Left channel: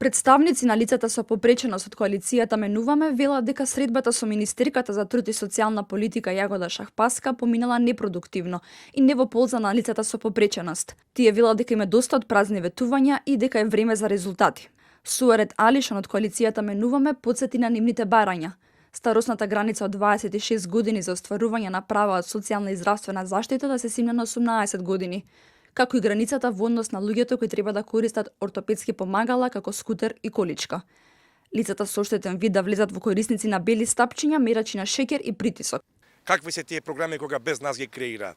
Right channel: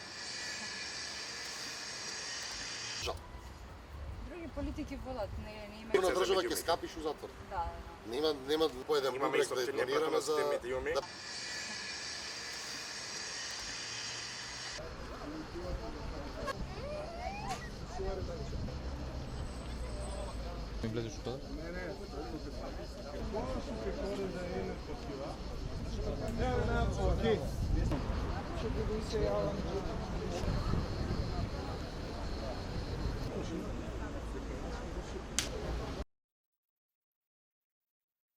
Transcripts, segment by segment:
Представници на лицата со попреченост од коалицијата Менуваме велат дека средбата со министерката за труд и социјална политика Јагода Шахпаска поминала непродуктивно и не во полза на лицата со попреченост. Тие велат дека има доста од празни ветувања и дека е време за резултати. Суарет Алишан од коалицијата Менуваме потсети на нивните барања. Старосната граница од 26 години за остварување на права од социјална и здравствена заштита да се симне на 18 години, како и границата во однос на луѓето кои треба да користат ортопедски помагала како скутер и количка. Лицата со оштетен вид да влезат во корисници на бели стапчиња, мерачи на шеќер и притисок. Какви се тие програми кога без нас ги креираат?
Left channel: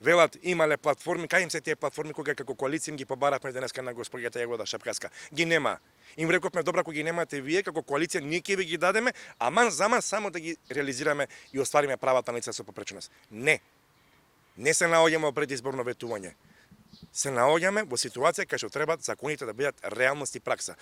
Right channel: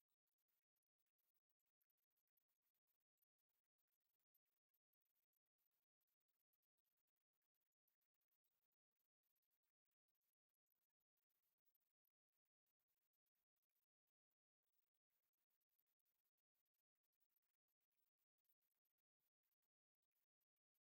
Велат имале платформи, кај им се тие платформи кога како коалиција им ги побаравме денеска на госпоѓата Јагода Шапкаска? Ги нема. Им рековме добра кога ги немате вие како коалиција, ние ќе ви ги дадеме, аман заман само да ги реализираме и оствариме правата на лица со попреченост. Не. Не се наоѓаме во предизборно ветување. Се наоѓаме во ситуација кај што треба законите да бидат реалност и пракса.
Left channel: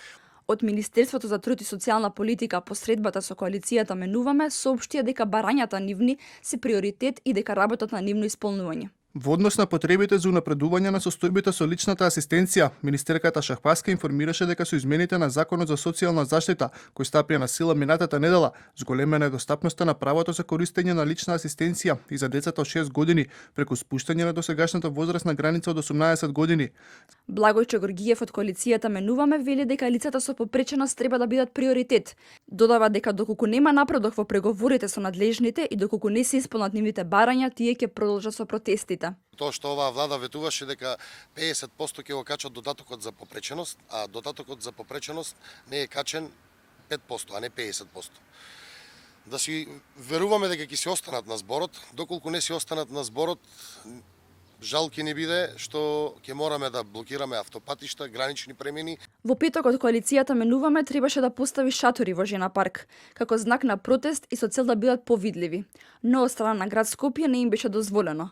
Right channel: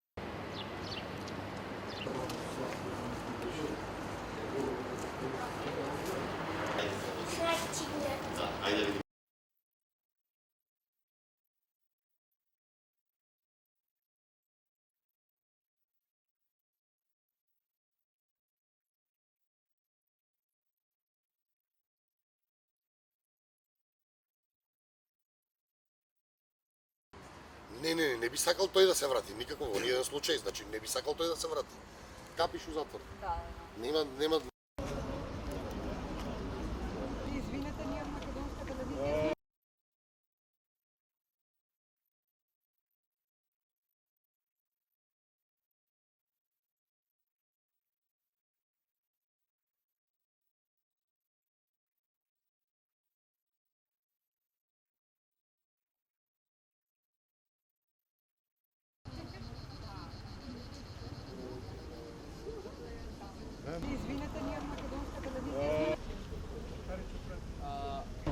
Од Министерството за труд и социјална политика посредбата со коалицијата Менуваме соопштија дека барањата нивни се приоритет и дека работат на нивно исполнување. Во однос на потребите за унапредување на состојбите со личната асистенција, министерката Шахпаска информираше дека со измените на Законот за социјална заштита, кој стапија на сила минатата недела, зголемена е достапноста на правото за користење на лична асистенција и за децата од 6 години, преку спуштање на досегашната возрастна граница од 18 години. Благојче Горгиев од коалицијата Менуваме вели дека лицата со попреченост треба да бидат приоритет. Додава дека доколку нема напредок во преговорите со надлежните и доколку не се исполнат нивните барања, тие ќе продолжат со протестите. Тоа што оваа влада ветуваше дека 50% ќе го качат додатокот за попреченост, а додатокот за попреченост не е качен 5%, а не 50%. Да си веруваме дека ќе се останат на зборот, доколку не се останат на зборот, жал ќе ни биде што ќе мораме да блокираме автопатишта, гранични премини. Во петокот коалицијата Менуваме требаше да постави шатори во Жена парк, како знак на протест и со цел да бидат повидливи. Но од страна на град Скопје не им беше дозволено.